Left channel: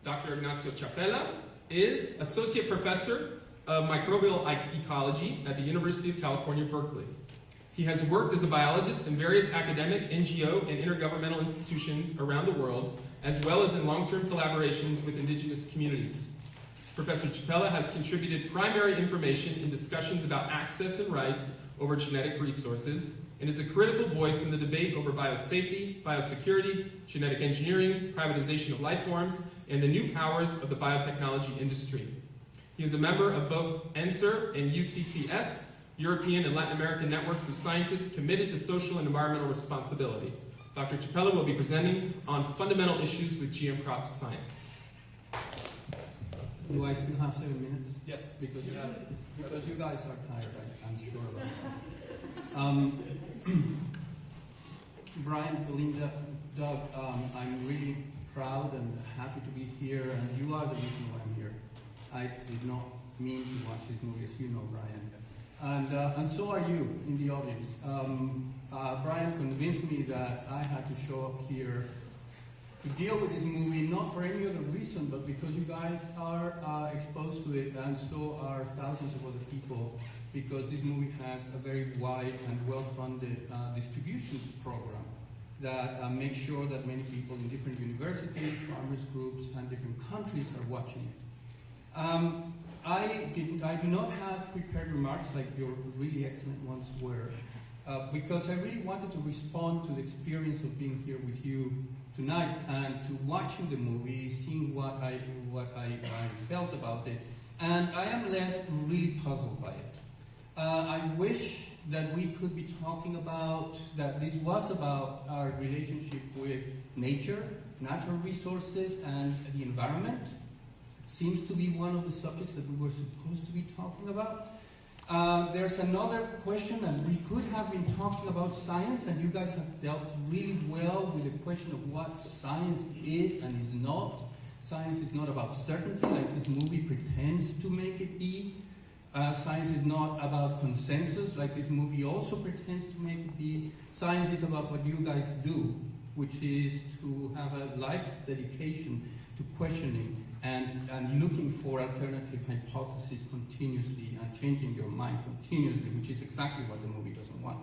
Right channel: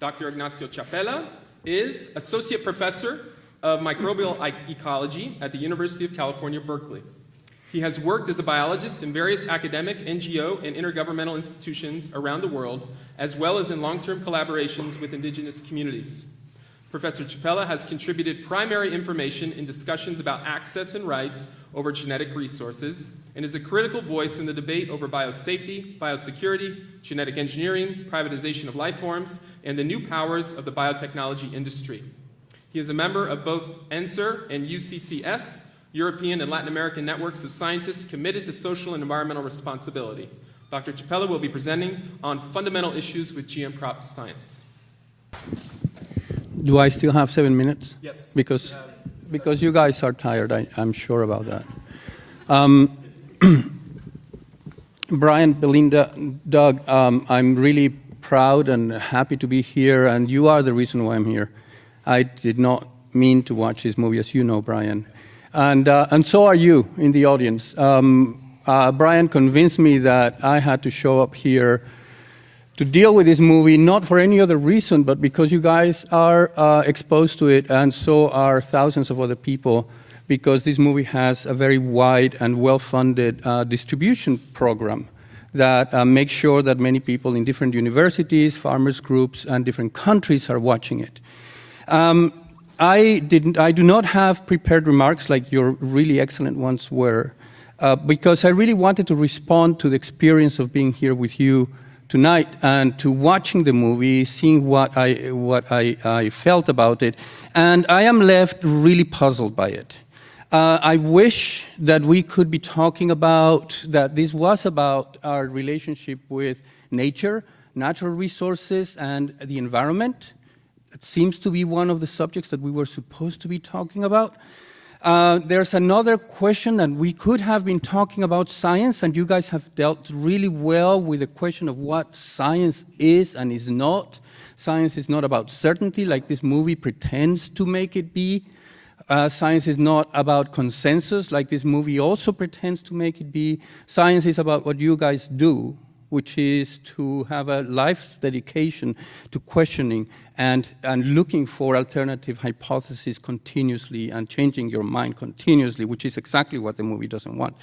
Dr. Ignacio Chapela is Associate Professor of Microbial Ecology at the University of California, Berkeley. He has worked as a biologist in various academic, NGO, and intergovernmental institutions around the world, as well as in long-term collaborations with indigenous communities. Professor Chapela has contributed primary information in discussions about access and rights over genetic resources, and is a critical voice in the debate over biosafety, biosecurity, genetic engineering, privatization of life forms, and the new powers of the biotechnology industry. He is a member of both ENSER and UCCS, European and Latin American networks of scientists committed to social and environmental responsibility. Dr. Chapela will be presenting on fundamental issues with GM crop science. Do I still have 7 minutes? Yes. Because you guys are tired, I'm sure about that. Brian, Belinda, Doug, I'm really proud and happy to be here, and you are the reason why I'm here. I did not mean to watch this movie, as you know, Brian. And so are you in the audience. Brian convinced me that I had to show up here to deal with this movie, not for any other reason, but because you guys are exposed to it, and so are thousands of other people, because this movie has a very wide and well-funded distribution program that makes sure that many people in different universities, farmers groups, and different countries are watching it. I do not have prepared remarks like your really excellent ones were, because I really wanted to respond to the experience of being here with you tonight and to watching the movie, seeing what I felt about it, and I am left really puzzled by it. I wish that we could be talking about, that this was about our relationship with nature, natural resources, and the environment. It seems to be one of the subjects that we were supposed to be talking about. There's another question that we could have been talking about science, and you guys have dealt really well with the question of what science is and is not. Science is not about certainty, like this movie pretends to make it be. Science is not about consensus, like this movie also pretends to make it be. Science is about what you guys do, which is to have a life's dedication to questioning and looking for alternative hypotheses continuously and changing your mind continuously, which is exactly what the movie doesn't want.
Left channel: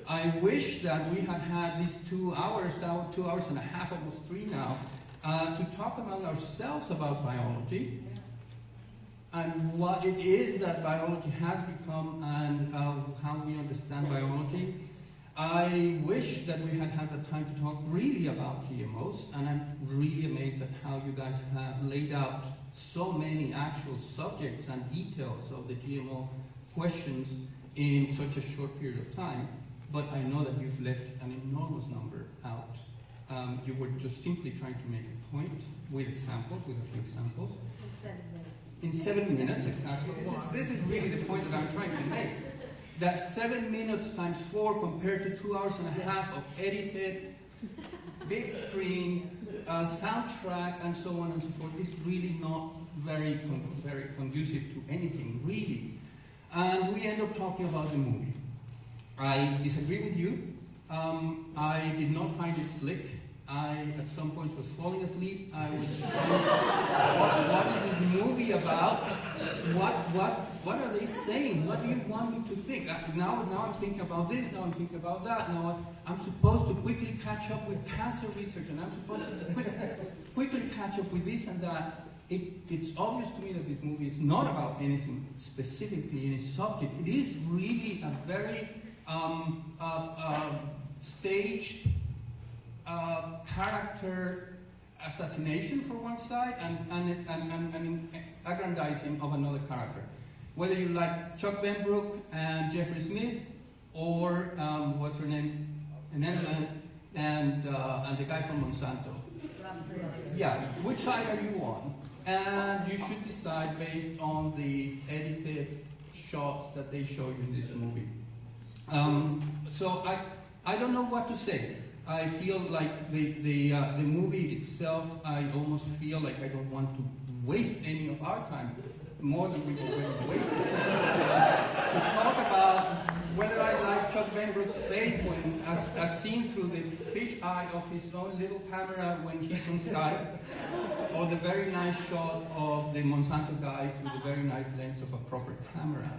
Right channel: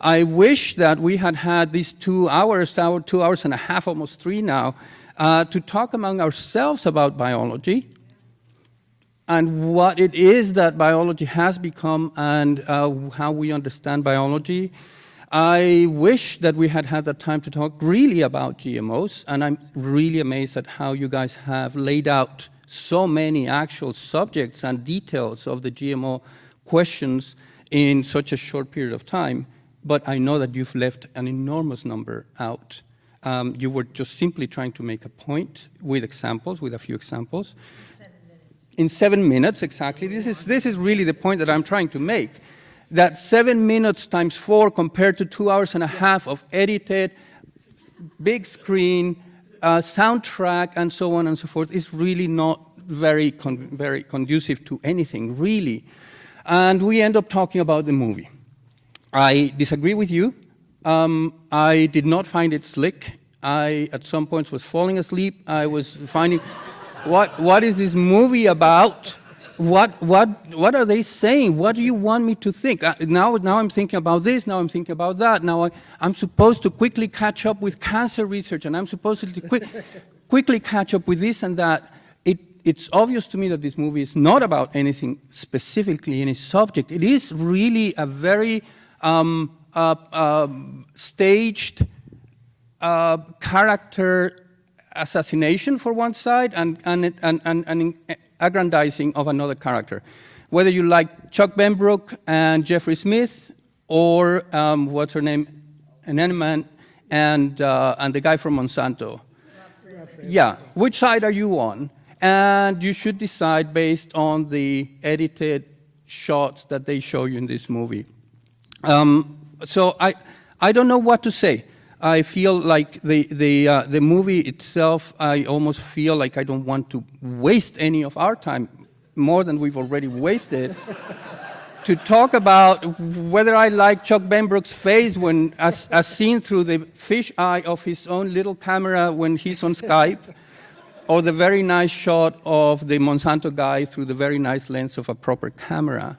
I wish that we had had these 2 hours, 2 hours and a half, almost 3 now, to talk among ourselves about biology and what it is that biology has become and how we understand biology. I wish that we had had the time to talk really about GMOs, and I'm really amazed at how you guys have laid out so many actual subjects and details of the GMO questions in such a short period of time, but I know that you've left an enormous number out. You were just simply trying to make a point with examples, with a few examples. In 7 minutes, exactly. This is really the point that I'm trying to make. That 7 minutes times 4 compared to 2 hours and a half of edited, big screen, soundtrack, and so on and so forth is really not very conducive to anything, really. And we end up talking about the movie. I disagree with you. I did not find it slick. I, at some points, was falling asleep. I was finding, what is this movie about? What are they saying? What do you want me to think? Now I'm thinking about this, now I'm thinking about that. Now I'm supposed to quickly catch up with cancer research, and I'm supposed to quickly catch up with this and that. It's obvious to me that this movie is not about anything specifically, any subject. It is really a very staged character assassination for one side and aggrandizing of another character. Whether you like Chuck Benbrook and Jeffrey Smith, or what's her name, Aneman, and the guy from Monsanto. Yeah, which side are you on? And you should decide based on the edited shots that they show you in this movie. So I don't know what to say. I feel like the movie itself, I almost feel like I don't want to waste any of our time, more than we've already wasted, to talk about whether I like Chuck Benbrook's face when, as seen through the fish eye of his own little camera when he's on Skype, or the very nice shot of the Monsanto guy through the very nice lens of a proper camera.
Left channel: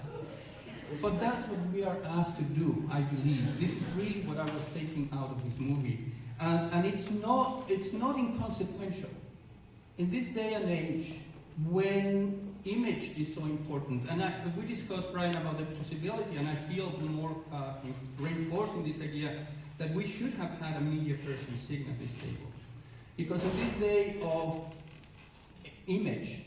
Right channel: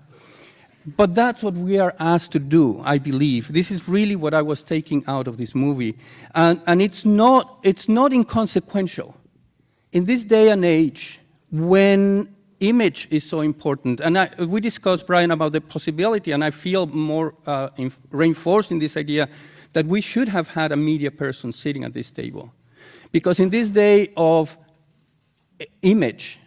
But that's what we are asked to do, I believe. This is really what I was taking out of this movie. And it's not inconsequential. In this day and age, when image is so important, and we discussed, Brian, about the possibility, and I feel more reinforced in this idea that we should have had a media person sitting at this table. Because in this day of image,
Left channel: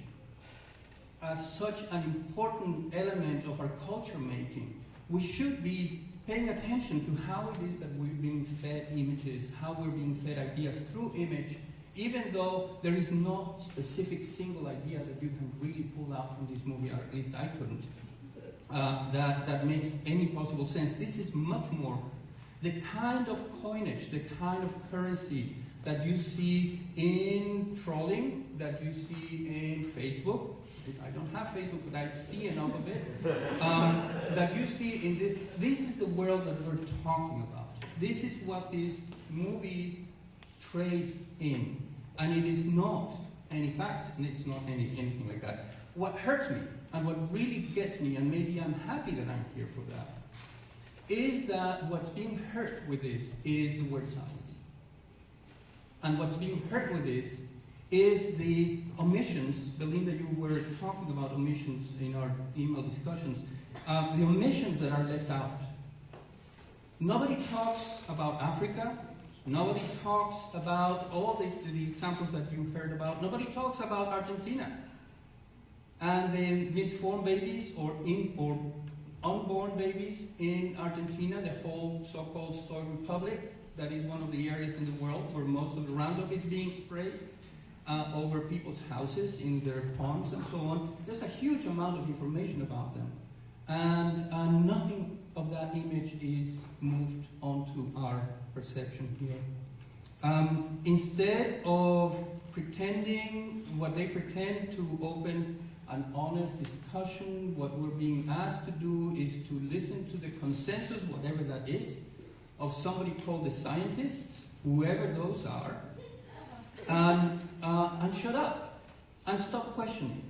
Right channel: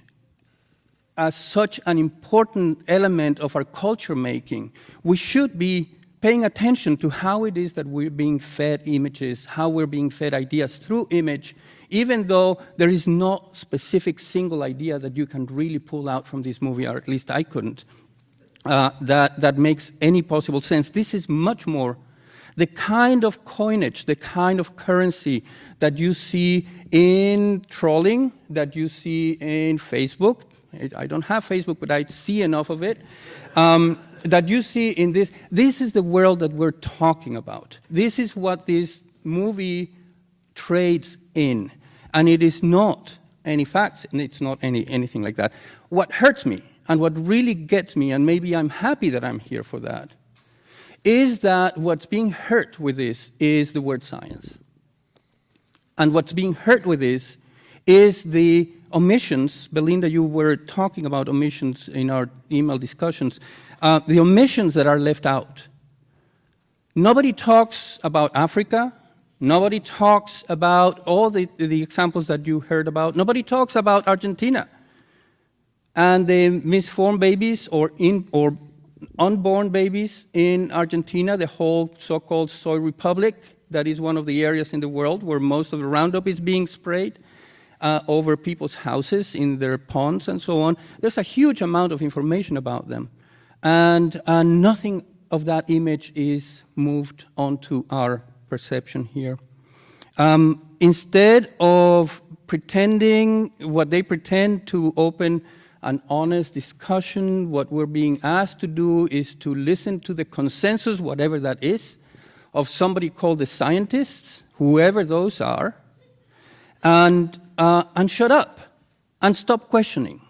as such an important element of our culture making, we should be paying attention to how it is that we're being fed images, how we're being fed ideas through image, even though there is no specific single idea that you can really pull out from this movie, or at least I couldn't, that makes any possible sense. This is much more the kind of coinage, the kind of currency that you see in trolling, that you see in Facebook. I don't have Facebook, but I see enough of it. That you see in this. This is the world that we're talking about. This is what this movie trades in. And it is not any facts, and it's not anything like that. What hurts me, and what really gets me, and maybe I'm happy that I'm here for that, is that what's being hurt with this is the word science. And what's being hurt with this is the omissions. Belinda, you were talking about omissions in our email discussions. The omissions that are left out. Nobody talks about Africa. Nobody talks about all the examples that you heard about. Nobody talks about Argentina and the misformed babies or unborn babies in Argentina, the whole so-called soy republic. That is one of the areas in the world where most of the Roundup is being sprayed over people's houses, in their ponds, and so on. There's a huge amount of information about them. And nothing of that image is moved onto our perception here. Instead of pretending what they pretend to open an honest discussion, what we're being asked to do is to listen to the consensus, whatever that is, of somebody called the scientists, whoever those are, and shut up and stop questioning.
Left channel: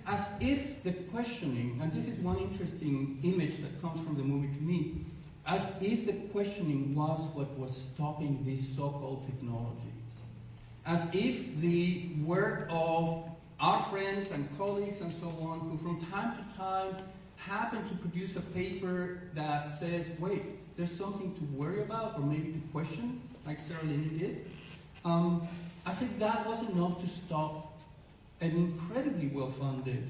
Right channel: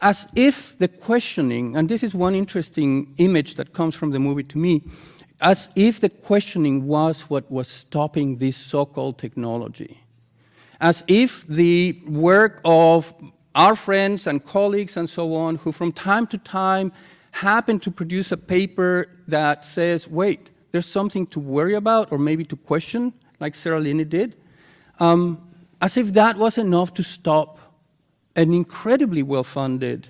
As if the questioning, and this is one interesting image that comes from the movie to me, as if the questioning was what was stopping this so-called technology. As if the work of our friends and colleagues and so on, who from time to time happen to produce a paper that says, wait, there's something to worry about or maybe to question, like Sarah Linney did, as if that was enough to stop an incredibly well-funded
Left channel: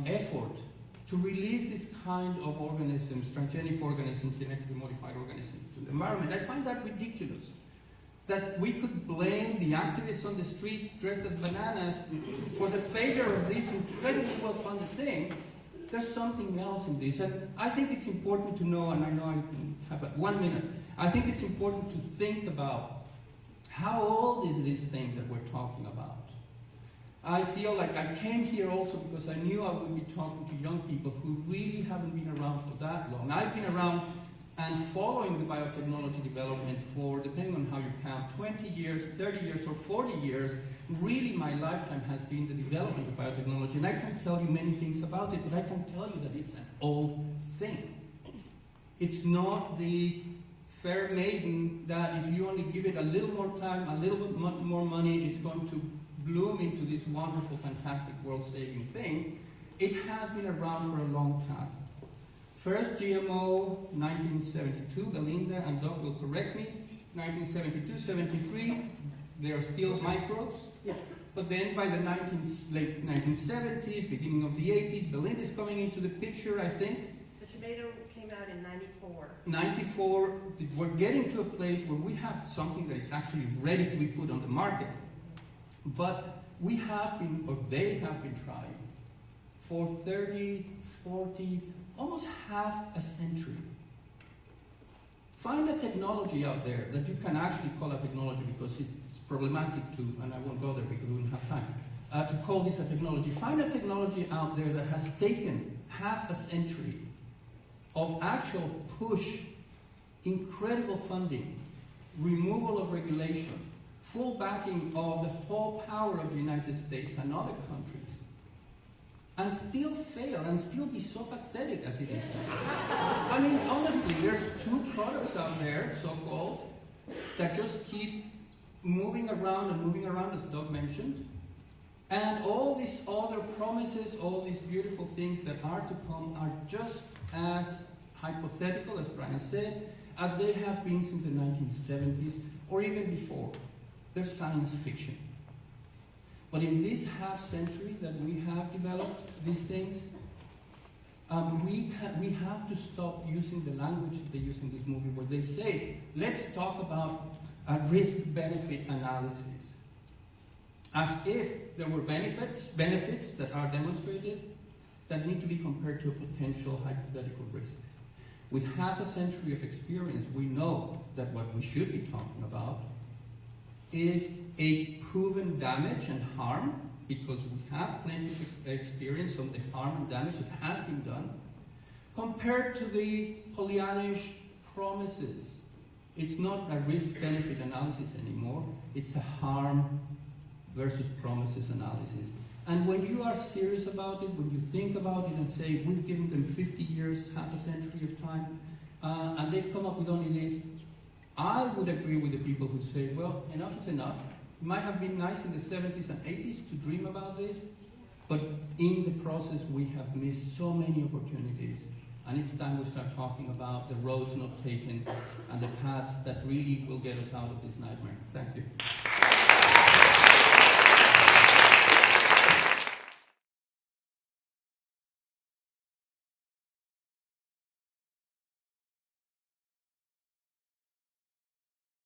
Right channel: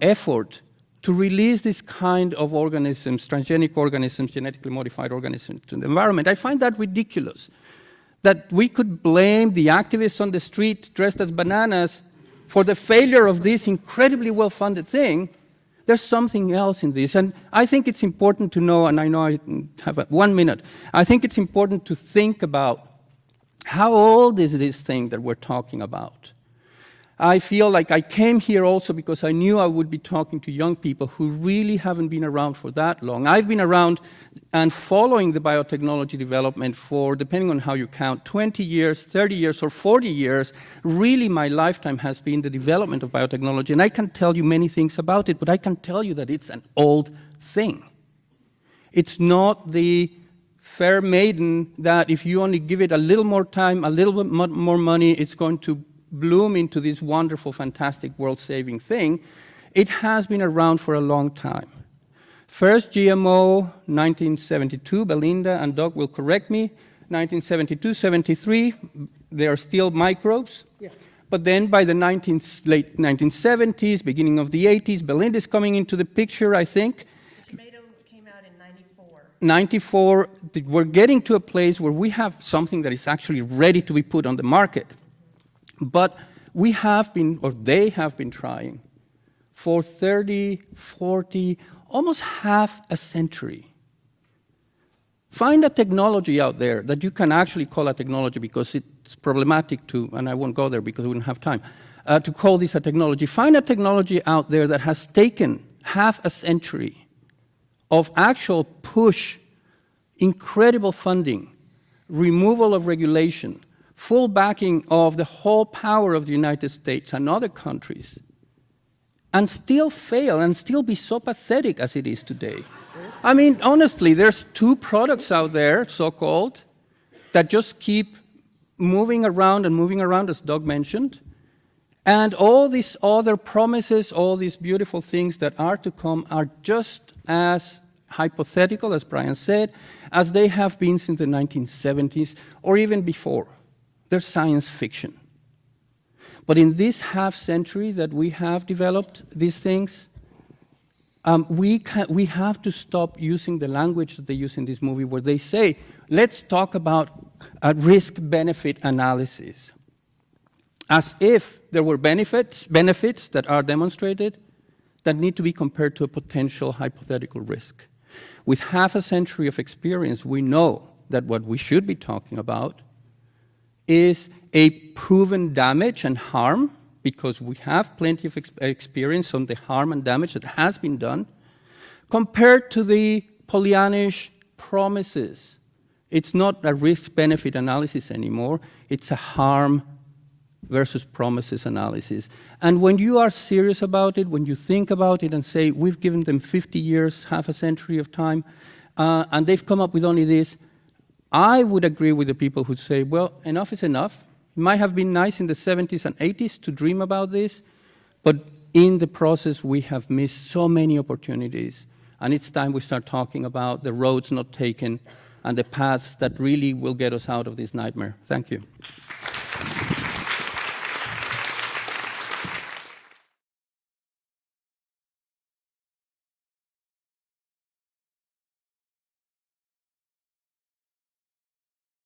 effort to release this kind of organisms, transgenic organisms, genetically modified organisms, to the environment. I find that ridiculous, that we could blame the activists on the street dressed as bananas for the failure of this incredibly well-funded thing. There's something else in this. And I think it's important to know, and I know I have 1 minute, I think it's important to think about how old is this thing that we're talking about. I feel like I came here also because I knew I would be talking to young people who really haven't been around for that long. I've been around and following the biotechnology development for, depending on how you count, 20 years, 30 years, or 40 years. Really, my lifetime has been the development of biotechnology, and I can tell you many things about it, but I can tell you that it's an old thing. It's not the fair maiden that if you only give it a little more time, a little bit more money, it's going to bloom into this wonderful, fantastic, world-saving thing. It has been around for a long time. First GMO, 1972, Belinda and Doug will correct me, 1972, 73, they are still microbes. Yeah. But then by the late 1970s, beginning of the 80s, Belinda's coming into the picture, I think. Tomato came out in 94. 94, we're getting to a place where we have something that is actually ready to be put on the market. But we have been, or they have been trying for 30, 40, almost half a century. Find a technology out there that you can actually call a technology, because it's problematic to, and I won't go there because we don't have time, to call this a technology. Find a technology out there that has taken half a century of actual push, incredible funding, removal of regulation, full backing of the whole power of the United States and other countries, and still fail and still be so pathetic as it is today. I mean, honestly, there's 2 products out there, so-called, that just keep moving around, as Doug mentioned, and all these other promises, all these beautiful things that are to come are just as hypothetical, as Brian said, as they have been since the 1970s or even before. They're science fiction. But in this half century that we have developed these things, we have to stop using the language that they use in this movie where they say, let's talk about a risk-benefit analysis, as if there were benefits that are demonstrated that need to be compared to a potential hypothetical risk. With half a century of experience, we know that what we should be talking about is a proven damage and harm, because we have plenty of experience on the harm and damage that has been done, compared to the Pollyannish promises. It's not a risk-benefit analysis anymore. It's a harm versus promises analysis. And when you are serious about it, when you think about it and say, we've given them 50 years, half a century of time, and they've come up with only this, I would agree with the people who say, well, enough is enough. It might have been nice in the 70s and 80s to dream about this, but in the process, we have missed so many opportunities. And it's time we start talking about the roads not taken and the paths that really will get us out of this nightmare. Thank you.